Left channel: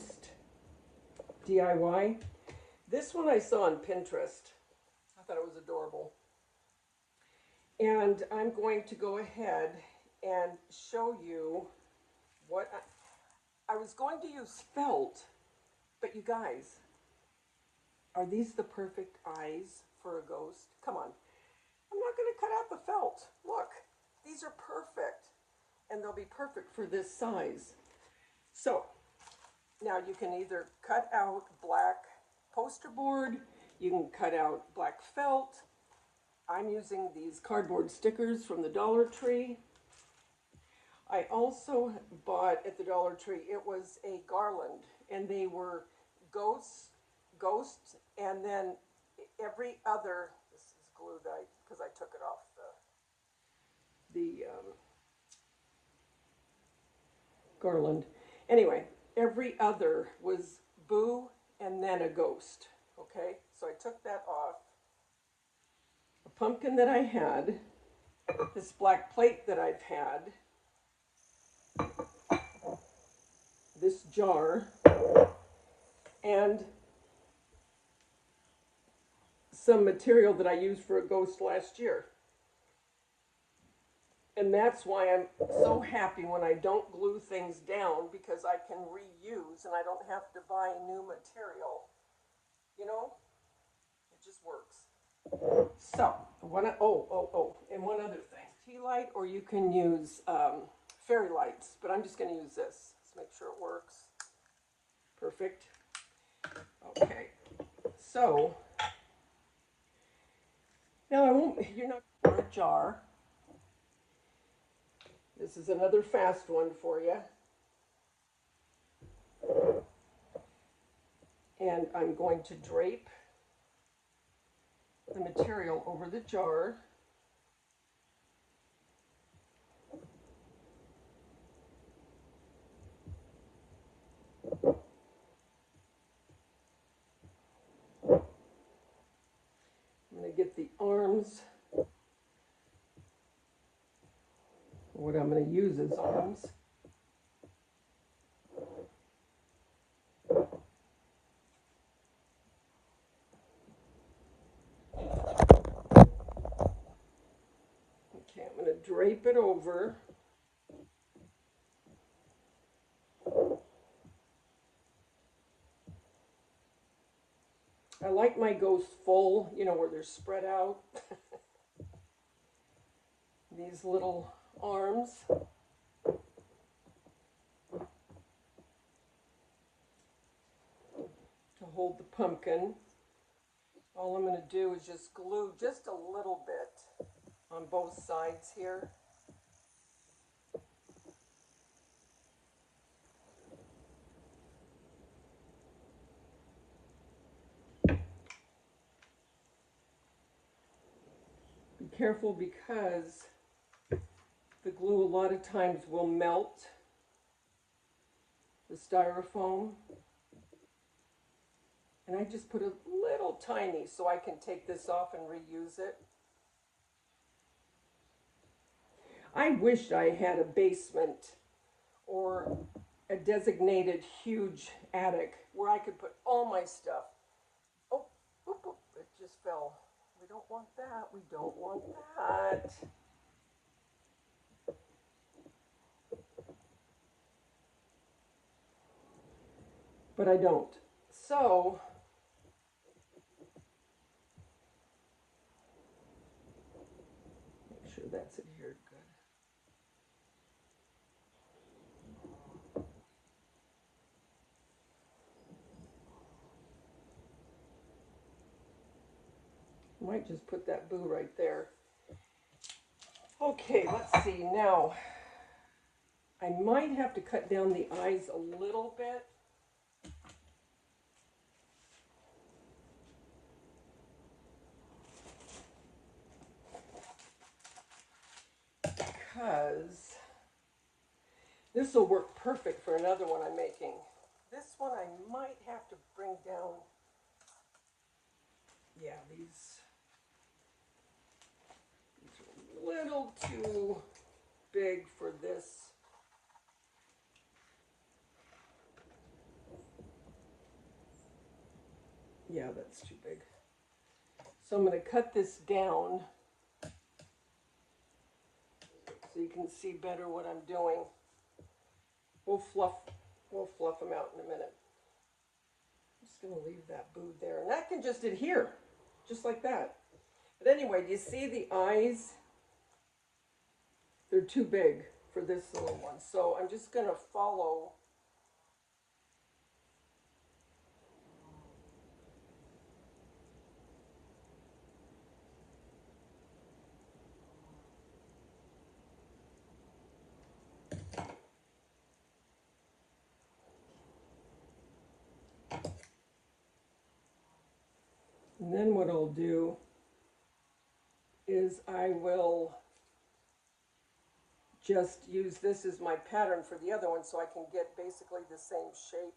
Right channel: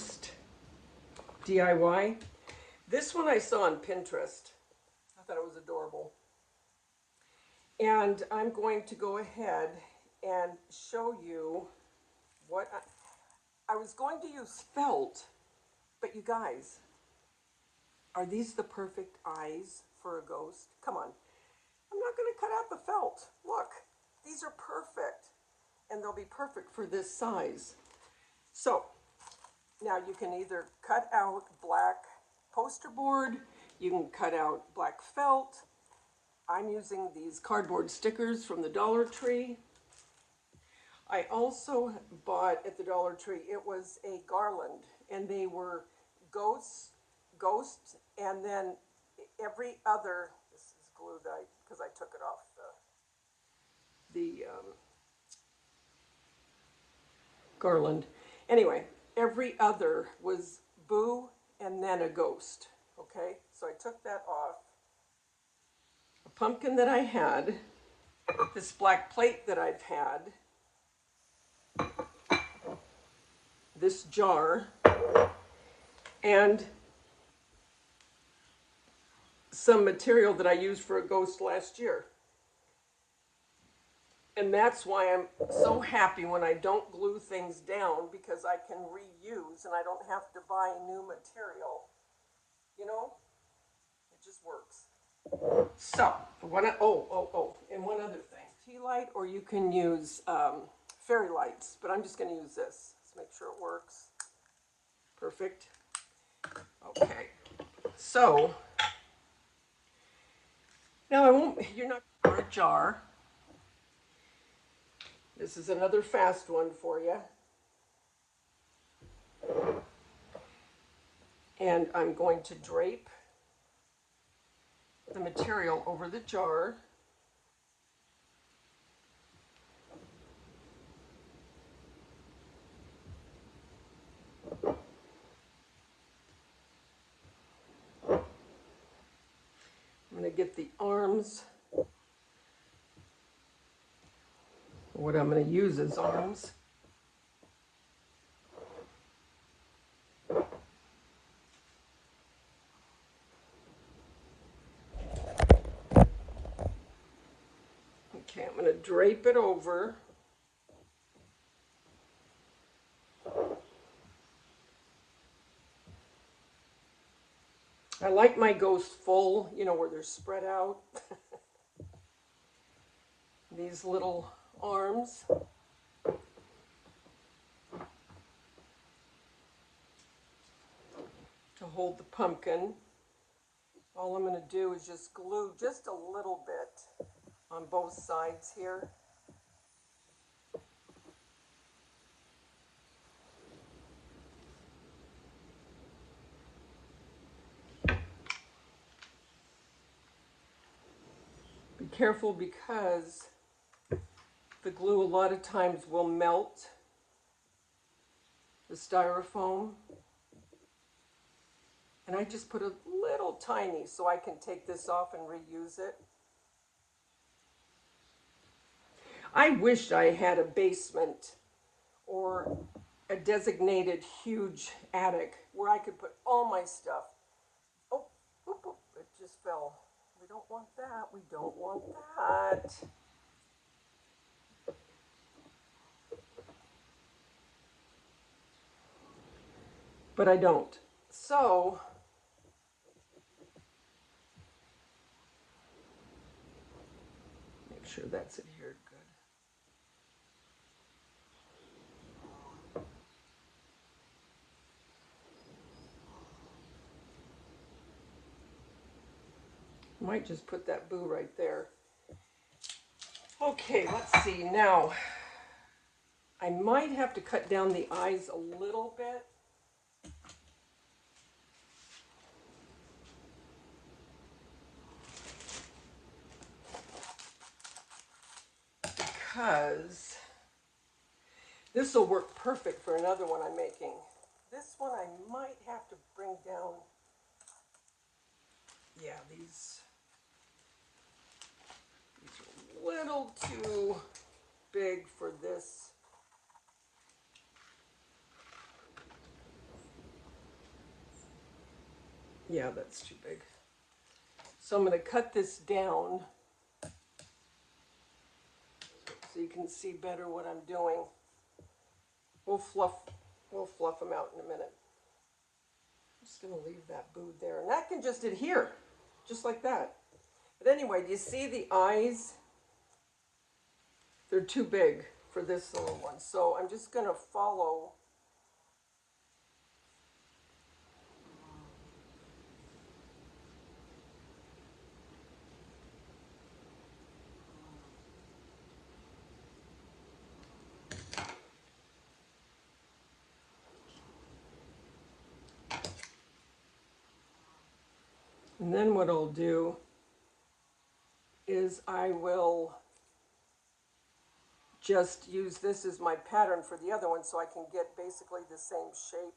ghost DIY. This one I saw on Pinterest. I thought it was adorable. And I'm going to go ahead and show you what I was going to use felt, but you guys, are these the perfect eyes for a ghost? Come on. I'm not going to cut out the felt. Look, these are perfect, and they'll be perfect for this size. So now you can either cut out black poster board, you can cut out black felt. I'm using these cardboard stickers from the Dollar Tree. I also bought at the Dollar Tree, it was a garland, and they were ghosts, and then every other, this is glue that because I took it off the garland. Anyway, every other was boo and then a ghost, okay? So I took that off. A pumpkin that I had, this black plate that I've had, this jar, and some material that I used for a ghost last year. And that's why I'm so happy when I don't glue things down, because I can reuse and I don't have to buy new material. You know, it just works. So, and one other thing. Tea light, or you can use fairy lights, but I'm just going to use this. Let's make sure it works. Perfect. Okay. So, now you're not for a jar. This is another fast one for you. And I'm going to drape the material over the jar. I'm going to get the arms. What I'm going to use as arms. Okay, I'm going to drape it over. I like my ghosts full, you know, where they're spread out. These little arms. To hold the pumpkin. All I'm going to do is just glue just a little bit on both sides here. Be careful because the glue a lot of times will melt the styrofoam. And I just put a little tiny so I can take this off and reuse it. I wish I had a basement or a designated huge attic where I could put all my stuff. Oh, it just fell. We don't want that. We don't want that. But I don't. So, make sure that's adhered good. Might just put that boo right there. Okay, let's see. Now, I might have to cut down the eyes a little bit. Because this will work perfect for another one I'm making. This one I might have to bring down. Yeah, these are a little too big for this. Yeah, that's too big. So I'm going to cut this down so you can see better what I'm doing. We'll fluff them out in a minute. I'm just going to leave that boo there. And that can just adhere, just like that. But anyway, do you see the eyes? They're too big for this little one. So I'm just going to follow. And then what I'll do is I will just use this as my pattern for the other one so I can get basically the same shape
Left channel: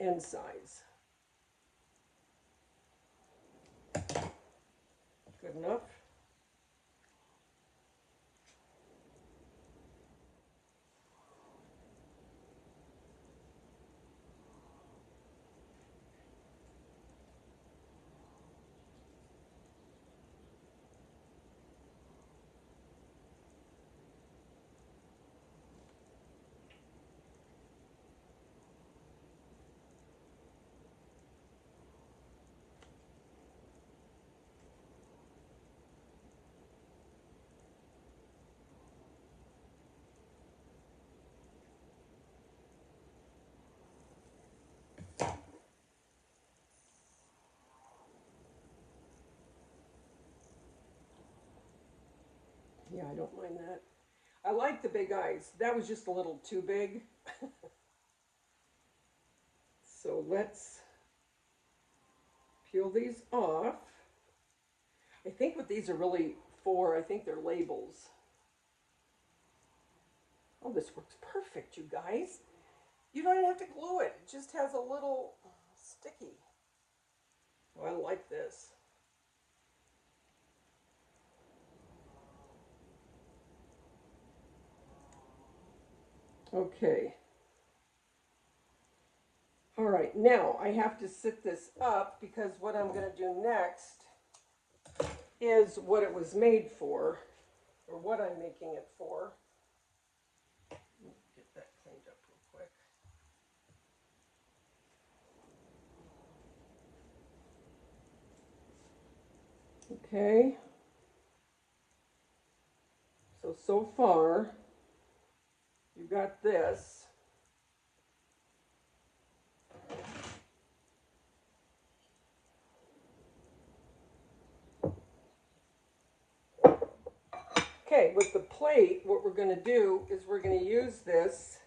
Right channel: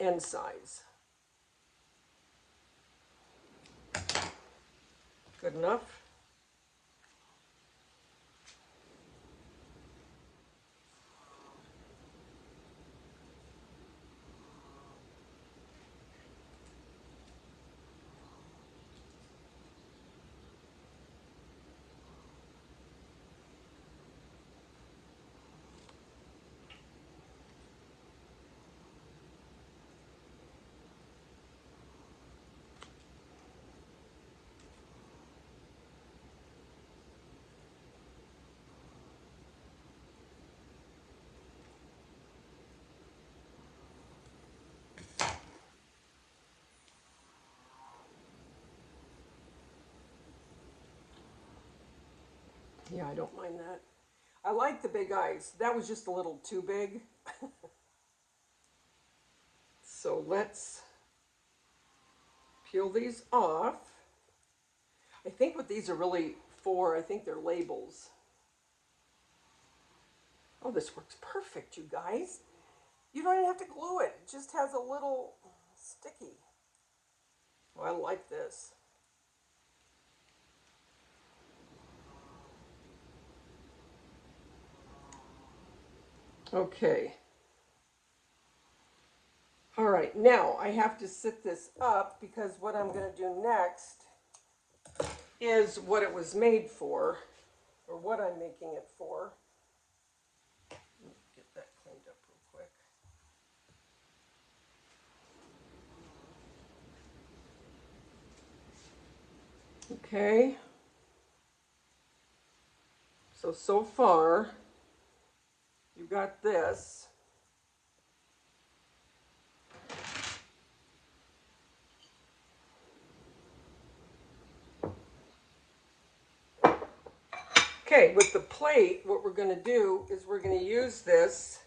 and size. Good enough? Yeah, I don't mind that. I like the big eyes. That was just a little too big. So let's peel these off. I think what these are really for, I think they're labels. Oh, this works perfect, you guys. You don't even have to glue it. It just has a little sticky. Oh, I like this. Okay. All right, now I have to sit this up because what I'm going to do next is what it was made for, or what I'm making it for. Get that cleaned up real quick. Okay. So far, you got this. Okay, with the plate, what we're going to do is we're going to use this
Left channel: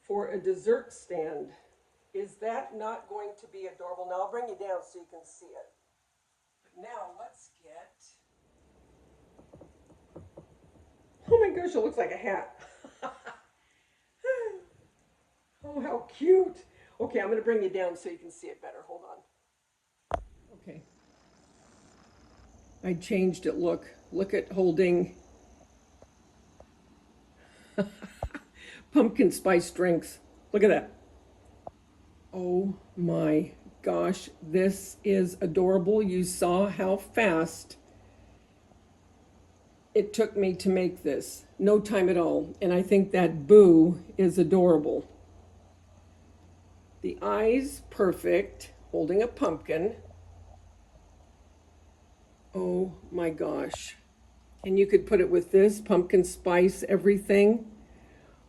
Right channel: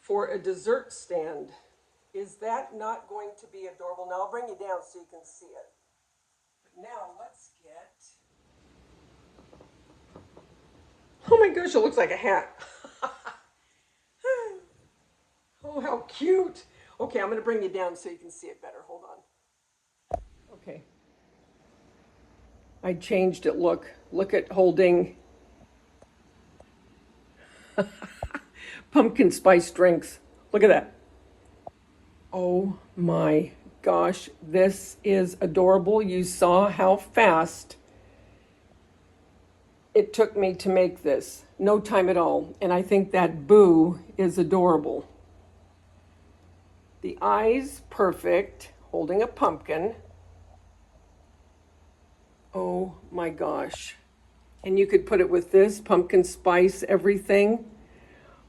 for a dessert stand. Is that not going to be adorable? Now I'll bring you down so you can see it. Now let's get... Oh my gosh, it looks like a hat. Oh, how cute. Okay, I'm going to bring you down so you can see it better. Hold on. Okay. I changed it. Look at holding pumpkin spice drinks. Look at that. Oh my gosh, this is adorable. You saw how fast it took me to make this. No time at all. And I think that boo is adorable. The eyes, perfect. Holding a pumpkin. Oh my gosh. And you could put it with this, pumpkin spice, everything.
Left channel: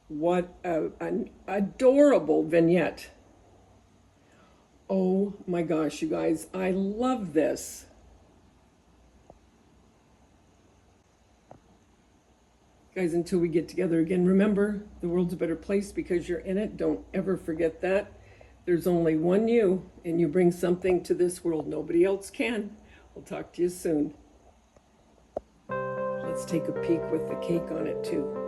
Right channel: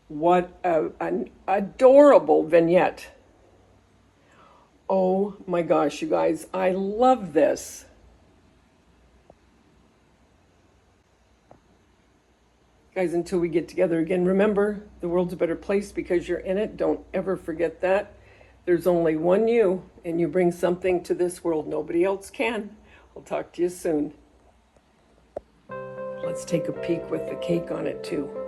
What an adorable vignette. Oh my gosh, you guys, I love this. Guys, until we get together again, remember, the world's a better place because you're in it. Don't ever forget that. There's only one you, and you bring something to this world nobody else can. I'll talk to you soon. Let's take a peek with the cake on it too.